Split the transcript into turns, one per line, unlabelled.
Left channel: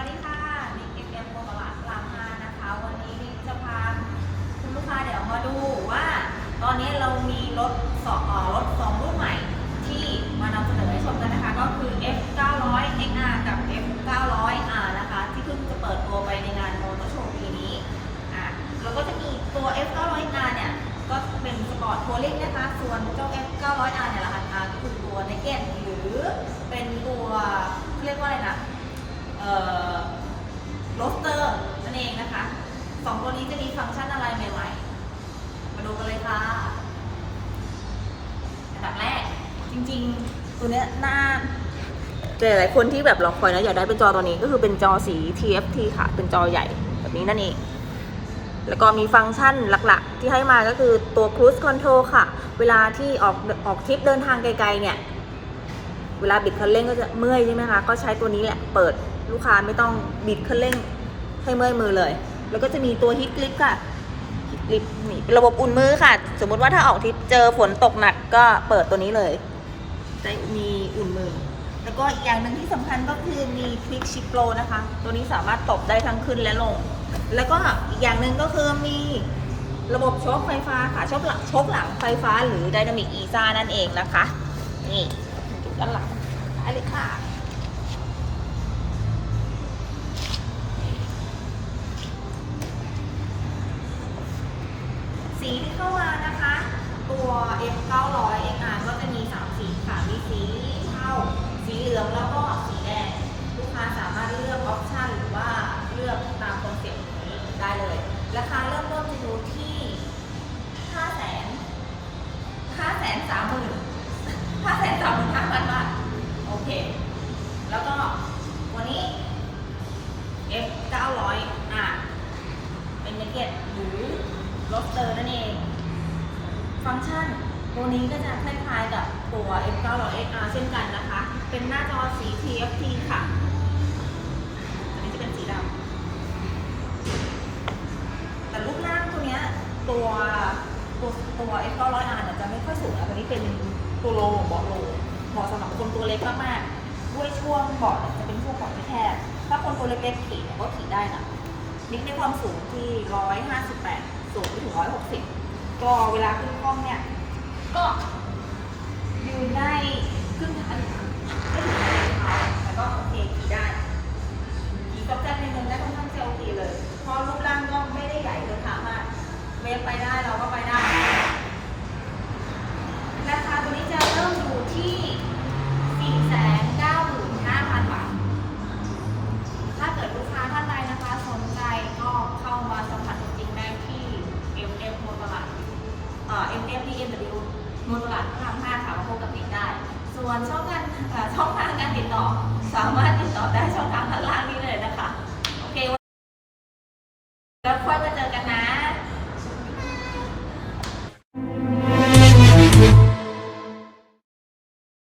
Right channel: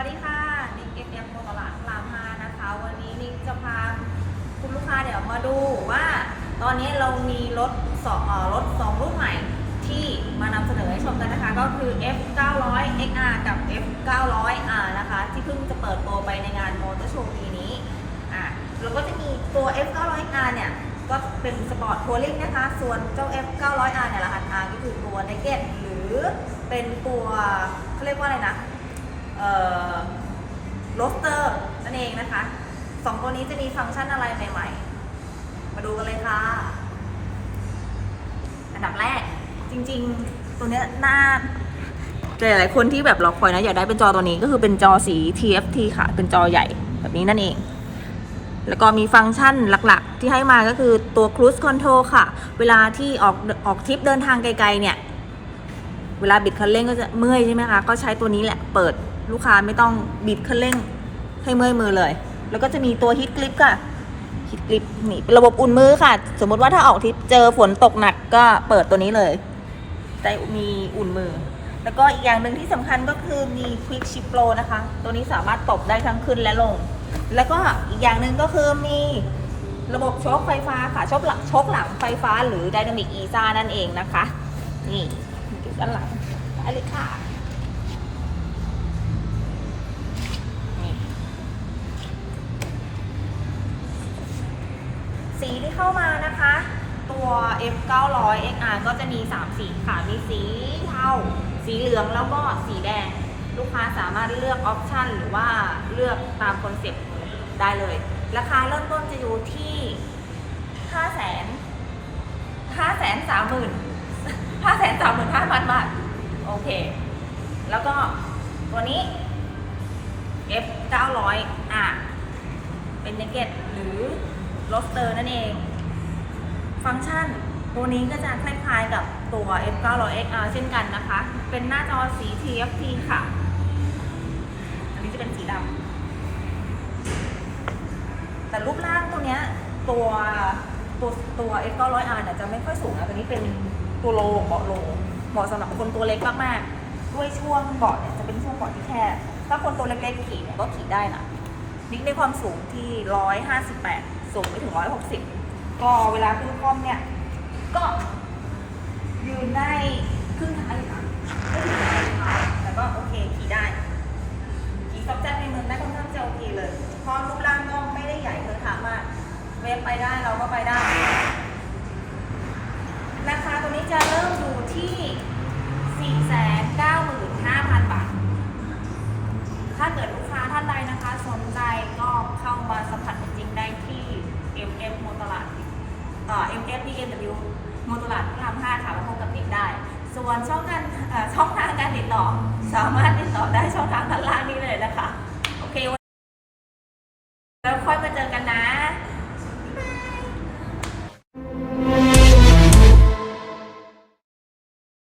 วัสดีค่ะนิกเอฟเอ็มโตลาดพรามห้านะคะ วันนี้นิกจะพาคุณลูกค้าเดี๋ยวมาดูว่า ตอนนี้เรามีรถสองรถสองรุ่นใหม่ที่มานำเสนอให้ชมกันนะคะ ก็คือ F 9 0 0 XR กับ F 9 0 0 R นะคะ ที่เพิ่งจะเปิดตัวไปในงานมอเตอร์โชว์ปีนี้อะแล้วก็จะมีตัว F 900R เนี่ย ก็เป็นสปอร์ตทัวริงนะคะ ส่วนเจ้า F 9 0 0 R เนี่ยราคา R ก็คือตัว Naked หรือเป็นตัวเขาเรียกว่าอะไรนะ โรสเตอร์นั่นเองนะคะสองตัวนี้จะมีฟังก์ชันอะไรใหม่ ๆ มาดูกันเลยค่ะ อันดับแรกจริงๆ ตัวเนี้ยหน้าหลายๆคนที่แบบรอคอยนะอยากได้เป็นจอตัวนี้ก็คือเป็นจอสี TFT ค่ะ เป็นจอใหญ่แบบนี้นั่นเอง แล้วก็มีฟังก์ชันหลักๆ ที่ให้มาก็คือตัว Cruise Control ค่ะ เวลาที่ออกออกทริปเดินทางไกลๆเนี่ย เวลาบิดคันเร่งก็จะเมื่อยใช่ไหมคะ ก็ใช้ตัวนี้แหละ เปิด ลูกค้าไม่ต้องบิดคันเร่งให้เมื่อยมือเลย แล้วก็จะมีตัวฮิตกลิปค่ะฮิตกลิปนี่เป็นระบบอุ่นมือค่ะ สมมติว่าถ้าออกทริปเจอฝนตกหนักก็เปิดตัวนี้เลยได้มีอุ่นมือ แล้วก็อีกอย่างหนึ่งที่สำคัญก็คือมี Quick Shift Pro นะคะ ตัวนี้สามารถตบได้ทั้งขึ้นและลง แล้วก็อีกอย่างหนึ่งก็คือมีระบบโชคไฟฟ้าค่ะโชคหลังโชคหลังไฟฟ้าหรือ Dynamic Easa นั่นเองนะคะ นี่ด้านหลังได้เลยค่ะ เข้ามานะคะ ตัว F 9 0 0 XR ก็จะมี 3 สีค่ะ มีสีเทาสีเหลืองแล้วก็สีแดง ลูกค้าสามารถเลือกออปชันหรือว่าเลือกตามคอนเซ็ปต์ได้เลย ราคาเริ่มต้นจะอยู่ที่ 5 0 0 0 0 5 3 0 0 0 0 5 3 5 0 0 0บาทโอเค แล้วก็ตัวนี้ F 9 0 0 R เป็นเนเก็ตหรือโรสเตอร์นั่นเอง ฟังก์ชัน ตัวนี้ก็จะคล้ายๆกับตัว F 9 0 0 XR เช่นกันนะคะ เป็นหน้าจอสี TFT ค่ะ อันนี้จะเป็นสีดำแต่รูปร่างตัวเนี้ยตัวตัวตัว F 9 0 0 R เนี่ยจะไม่ค่อยสูงนะตัวนี้เป็นตัวโลเบาะโลเหมาะสำหรับคนตัวเล็กมากๆด้วยช่วงเบาะเนี่ยจะเป็นช่วงเบาะที่แคบถ้าคนตัวเล็กๆขี่เนี่ยก็ขี่ได้นะนิกในความสูงที่ 158 สูงไปถึง 160 ก็เวลาขึ้นคล่อมเนี่ย ก็ยืนได้ครึ่งทางอยู่นะไม่ถึงปลายเท้าแต่ก็โอเคขี่ได้ขี่ซอกแจ๊กในเมืองได้ค่อนข้างจะโอเคเลย เพราะรูปร่างก็ไม่ได้ใหญ่เกินขามากเวฟไปได้เราก็ไปได้ ราคาตัวนี้จะเริ่มอยู่ที่ 495,000 บาท ถ้าเกิดลูกค้าท่านใดนะคะ สนใจก็เข้ามาสัมผัสจริงได้ที่ MF โมตลาดเอ่อ MF BMW โมตลาดพระราม5ค่ะมาพบกับนิกได้ ส่วนช่องทางช่องทางการติดต่อ สามารถติดต่อได้ช่องทางด้านล่างนี้เลยนะคะ